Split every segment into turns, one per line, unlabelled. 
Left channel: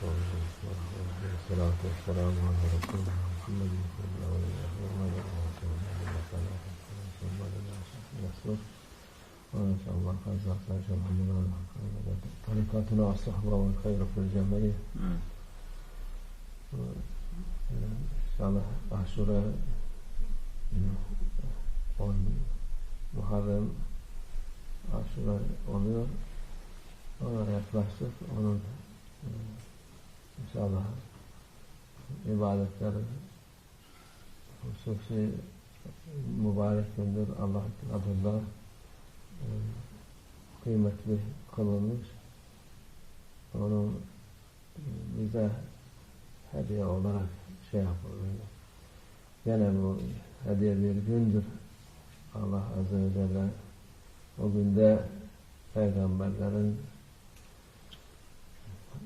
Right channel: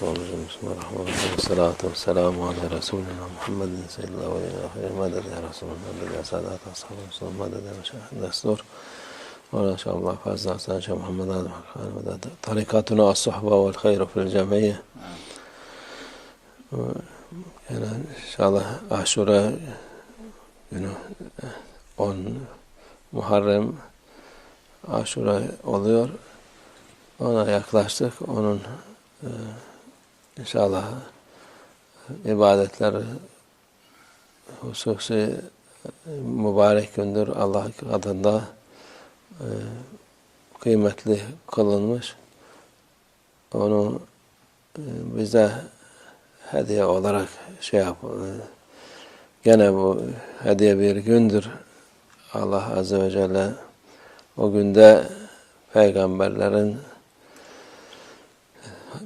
Bismillahirrahmanirrahim. Bismillahirrahmanirrahim. Salatu ve selamu ala Resulina Muhammedin aleyhi ve sellem. Meded ya Resulullah. Meded ya Sadat Ashabı Resulullah. Meded ya Meşahid Destur. Ve inşallah. Tarikatuna as-suhba vel hayru fil cemiyye. Yani inşallah aşura günü 10 Muharrem aşura oluyor. Ona yaklaştık. Onun e, inşallah ibadetler hususi mübarek gündür. Allah adında e, kıymetli kılınmış. Onu e, bize hediye olarak şey yap. e, Gene bu hediye bir gündür. Allah Azze ve Celle o günde peygamberlerin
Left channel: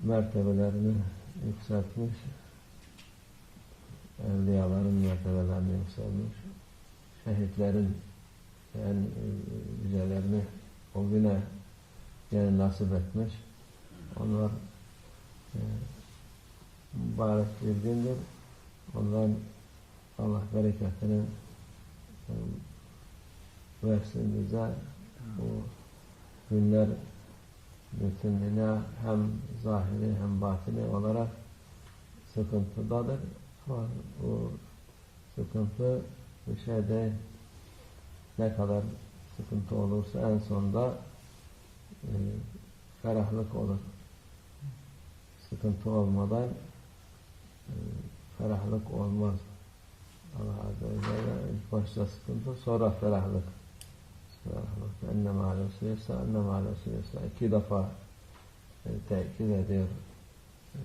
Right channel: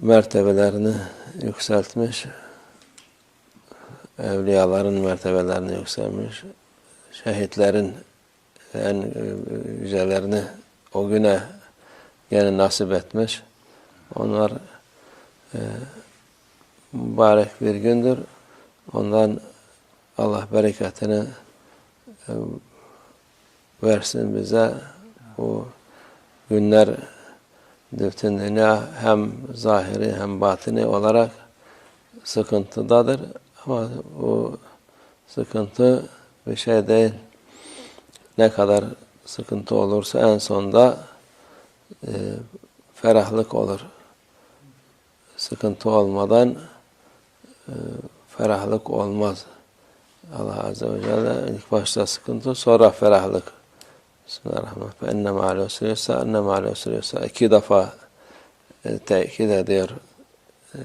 mertebelerini yükseltmiş, evliyaların mertebelerini yükselmiş, şehitlerin en yücelerini o güne gene nasip etmiş. Onlar e, mübarek bir gündür. Ondan Allah bereketini e, versin bize. Bu günler dünya hem zahiri hem batini olarak sıkıntıdadır. Ama bu sıkıntı bir şey değil. Ne kadar sıkıntı olursa en sonda e, ferahlık olur. Sıkıntı olmadan e, ferahlık olmaz. Allah Azze ve Celle ilk başta sıkıntı sonra ferahlık. Bismillahirrahmanirrahim. Enne ma'al usri yusra, enne ma'al usri yusra. İki defa e, tekit ediyor. E,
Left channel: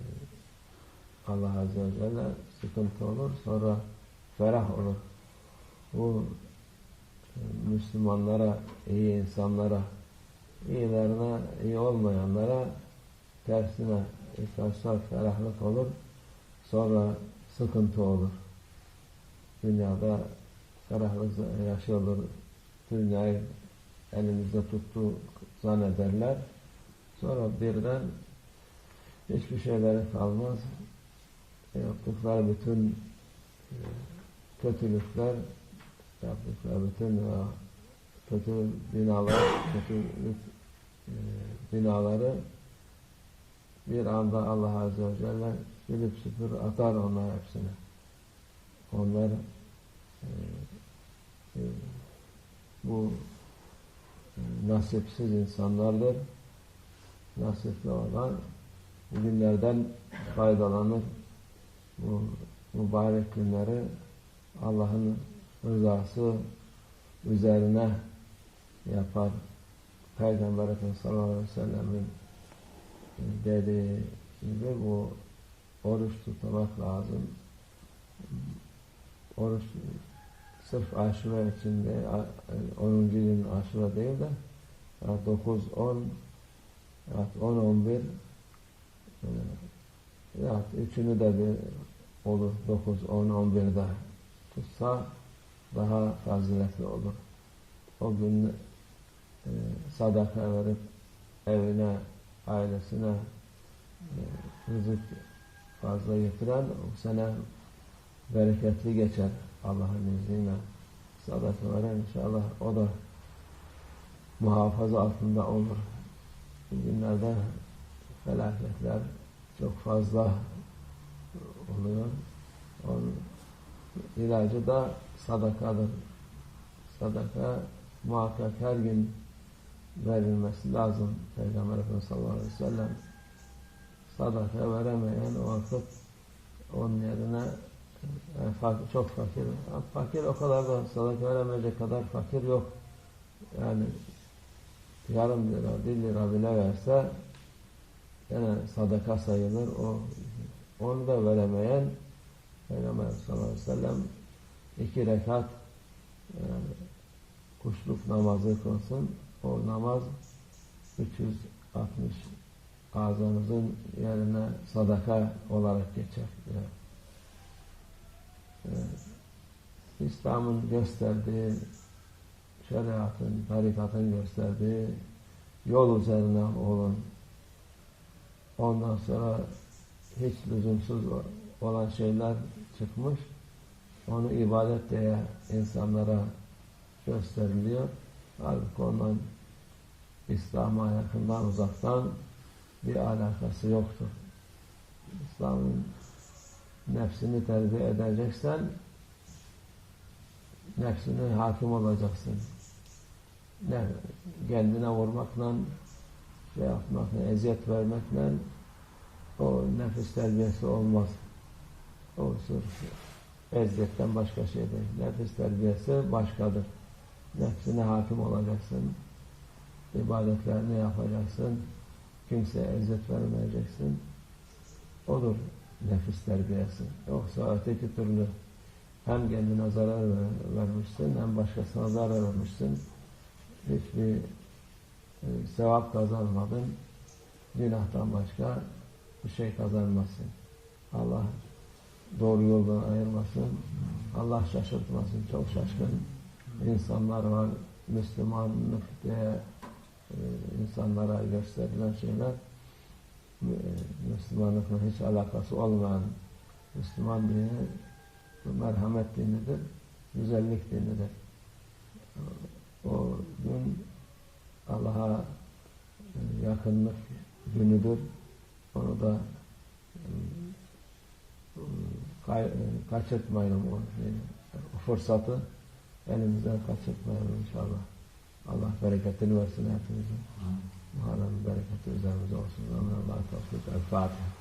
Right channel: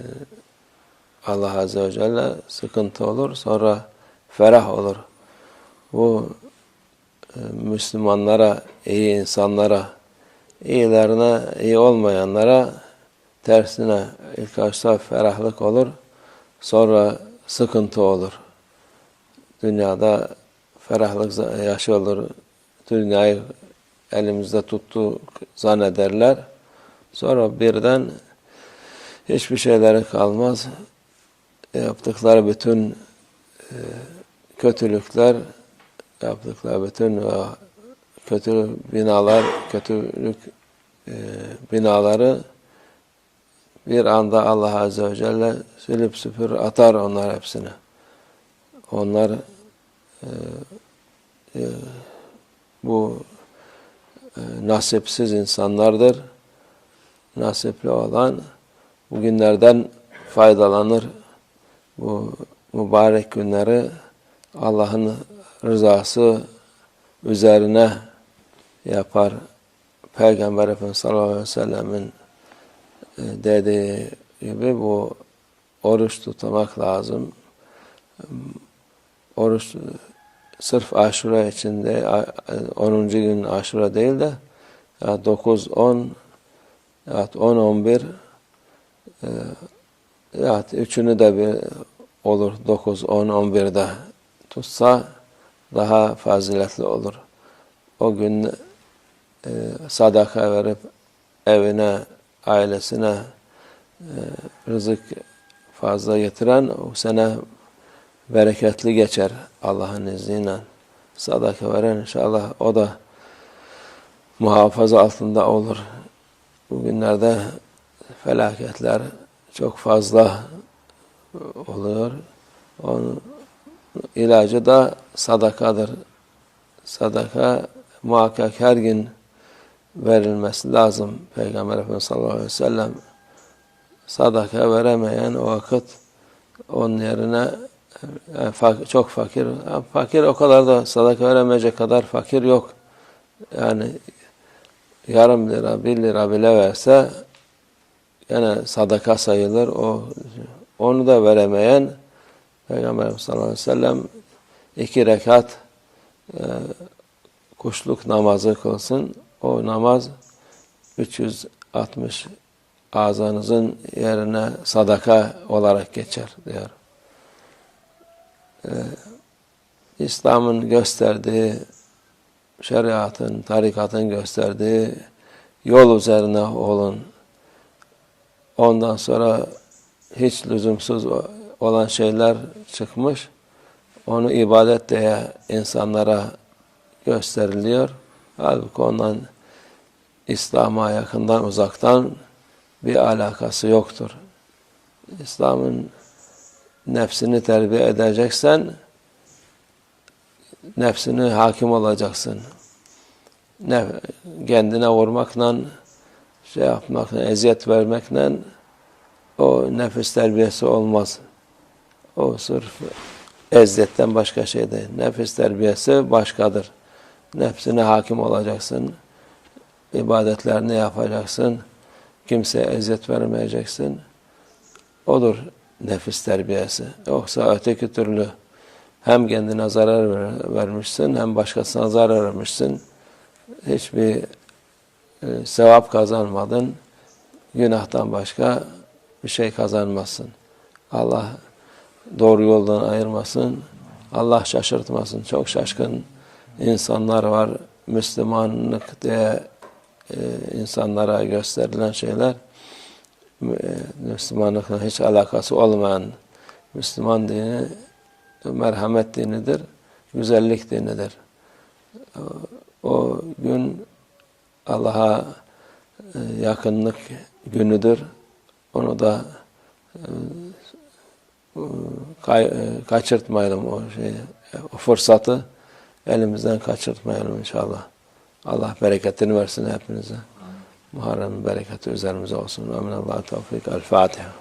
Allah Azze ve Celle sıkıntı olur, sonra ferah olur. Bu e, Müslümanlara, iyi insanlara, iyilerine, iyi olmayanlara tersine ilk başta ferahlık olur, sonra sıkıntı olur. Dünyada ferahlık yaşı olur, dünyayı elimizde tuttu zannederler. Sonra birden hiçbir şeyleri kalmaz. Yaptıkları bütün e, kötülükler, yaptıkları bütün e, kötü binalar, kötülük e, binaları bir anda Allah Azze ve Celle silip süpür atar onlar hepsini. Onlar bu e, nasipsiz insanlardır. Nasipli olan bugünlerden faydalanır. Bu mübarek günleri Allah'ın rızası üzerine yapar. Peygamber Efendimiz sallallahu aleyhi ve sellemin e, dediği gibi bu oruç tutmak lazım. Oruç sırf aşura içinde 10. gün aşura değil de 9, 10 10, 11 ya üçünü de bir olur 9, 10, 11'de tutsa daha faziletli olur. O gün e, sadaka verip evine, ailesine e, rızık fazla getiren o sene bereketli geçer Allah'ın izniyle. Sadaka veren inşallah o da muhafaza altında olur. Bugünlerde felaketler çok fazla oluyor. Onun ilacı da sadakadır. Sadaka muhakkak her gün verilmesi lazım. Peygamber Efendimiz sallallahu aleyhi ve sellem sadaka veremeyen o vakit onun yerine çok fakir. Fakir o kadar da sadaka veremeyecek kadar fakir yok. Yani yarım lira, bir lira bile verse yine sadaka sayılır. O onu da veremeyen Peygamber sallallahu aleyhi ve sellem iki rekat e, kuşluk namazı kılsın. O namaz 360 ağzınızın yerine sadaka olarak geçer diyor. Ee, İslam'ın gösterdiği, şeriatın, tarikatın gösterdiği yol üzerine olun. Ondan sonra hiç lüzumsuz olan şeyler çıkmış. Onu ibadet diye insanlara gösteriliyor. Halbuki ondan İslam'a yakından uzaktan bir alakası yoktur. İslam'ın nefsini terbiye edeceksen nefsine hakim olacaksın. Ne, kendine vurmakla şey yapmakla, eziyet vermekle o nefis terbiyesi olmaz. O sırf eziyetten başka şey değil. Nefis terbiyesi başkadır. Nefsine hakim olacaksın. ibadetlerini yapacaksın. Kimseye eziyet vermeyeceksin. Odur nefis terbiyesi. Yoksa öteki türlü hem kendine zarar ver- vermişsin hem başkasına zarar vermişsin. Hiçbir e, sevap kazanmadın. Günahtan başka bir şey kazanmazsın. Allah doğru yoldan ayırmasın. Allah şaşırtmasın. Çok şaşkın insanlar var. Müslümanlık diye e, insanlara gösterilen şeyler Müslümanlıkla hiç alakası olmayan Müslüman dini merhamet dinidir, güzellik dinidir. O, gün Allah'a e, yakınlık günüdür. Onu da e, e, kaçırtmayalım o şeyi, o fırsatı elimizden kaçırtmayalım inşallah. Allah bereketini versin hepinize. Muharrem bereketi üzerimize olsun. Ve minallah tevfik. El Fatiha.